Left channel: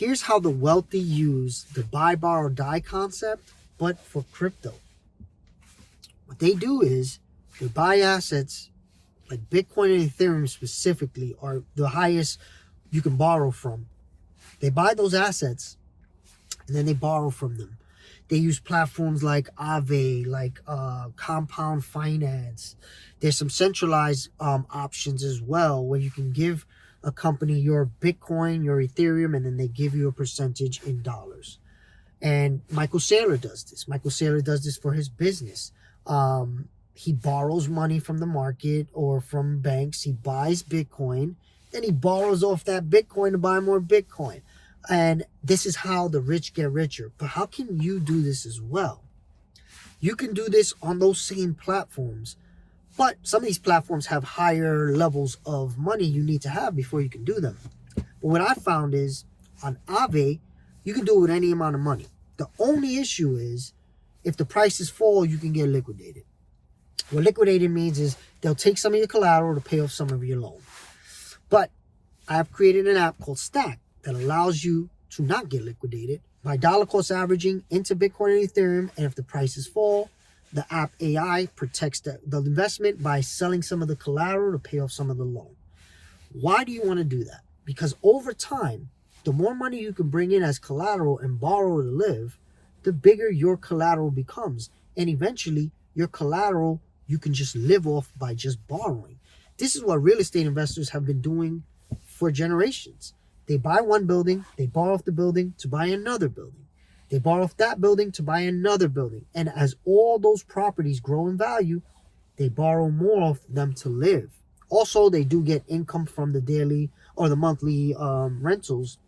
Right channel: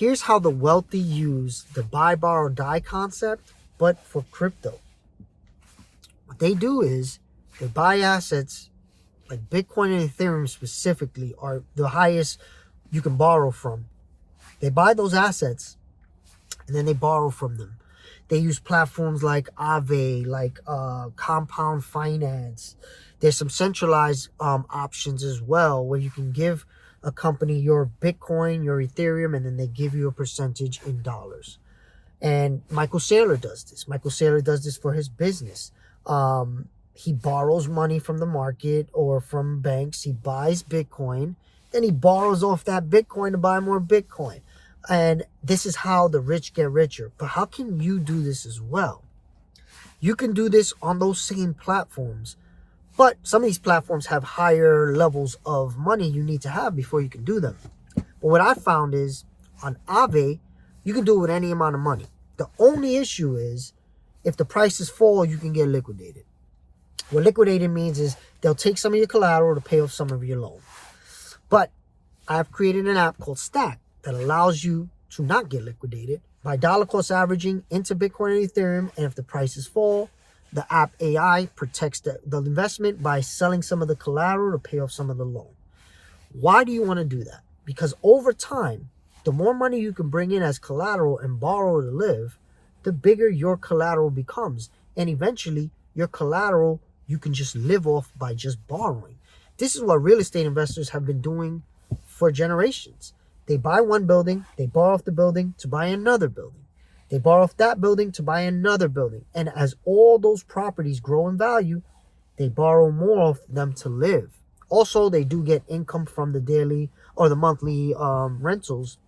Here's how the wealthy use the buy, borrow, die concept, but for crypto. What they do is they buy assets like Bitcoin and Ethereum specifically are the highest you can borrow from. They buy those assets and then they borrow from them. They use platforms like Aave, like Compound Finance. There's some centralized options as well where you can give a company your Bitcoin, your Ethereum, and then they give you a percentage in dollars. And Michael Saylor does this. Michael Saylor does this for his business. He borrows money from the market or from banks. He buys Bitcoin. Then he borrows off that Bitcoin to buy more Bitcoin. And this is how the rich get richer. But how can you do this as well? You can do this on those same platforms. But some of these platforms have higher levels of money you need to have before you can do them. But what I found is on Aave, you can do it with any amount of money. The only issue is if the prices fall, you can get liquidated. What liquidated means is they'll take some of your collateral to pay off some of your loan. But I've created an app called Stack that allows you to not get liquidated by dollar cost averaging into Bitcoin and Ethereum. And if the prices fall, the app AI protects the investment by selling some of the collateral to pay off some of the loan. Why do you want to do that? Because over time, the more money you can bring in as collateral and borrow to live, the bigger your collateral becomes. And eventually, your collateral, you can just live off by just borrowing. This is what real estate investors have been doing for generations. They buy one building, they borrow off the building to buy another building. They borrow off that building to buy another building. And as all those properties grow in value, they borrow more of them to live. Also, they do get income from the daily or the monthly rentals.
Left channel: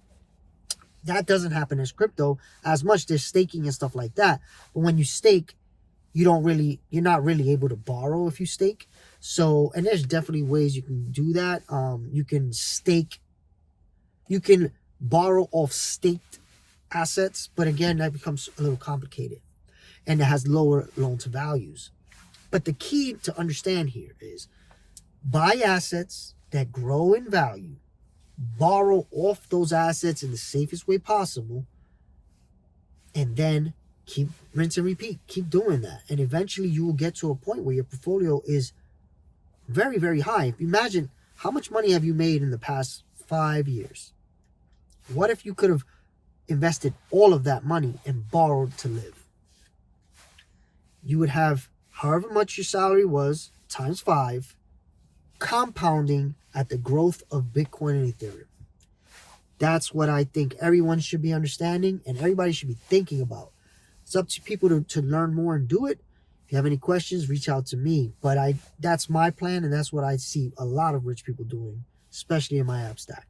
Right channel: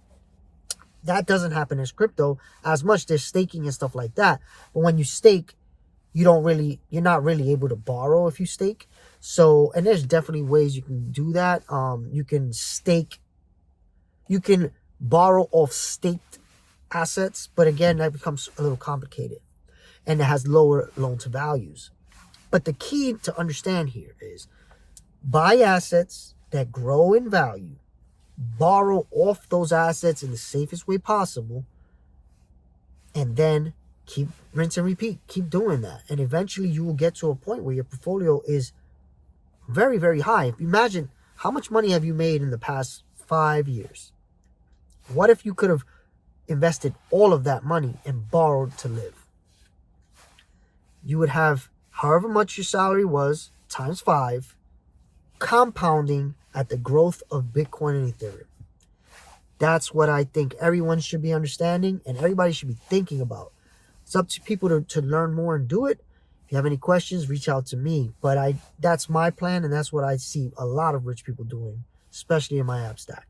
That doesn't happen as crypto as much. There's staking and stuff like that. But when you stake, you're not really able to borrow if you stake. So, and there's definitely ways you can do that. You can stake, you can borrow off staked assets, but again, that becomes a little complicated and it has lower loan to values. But the key to understand here is buy assets that grow in value, borrow off those assets in the safest way possible, and then keep rinse and repeat. Keep doing that. And eventually you will get to a point where your portfolio is very, very high. If you imagine how much money have you made in the past 5 years? What if you could have invested all of that money and borrowed to live? You would have however much your salary was times 5, compounding at the growth of Bitcoin and Ethereum. That's what I think everyone should be understanding and everybody should be thinking about. It's up to people to learn more and do it. If you have any questions, reach out to me. But that's my plan, and that's what I see a lot of rich people doing, especially in my app Stack.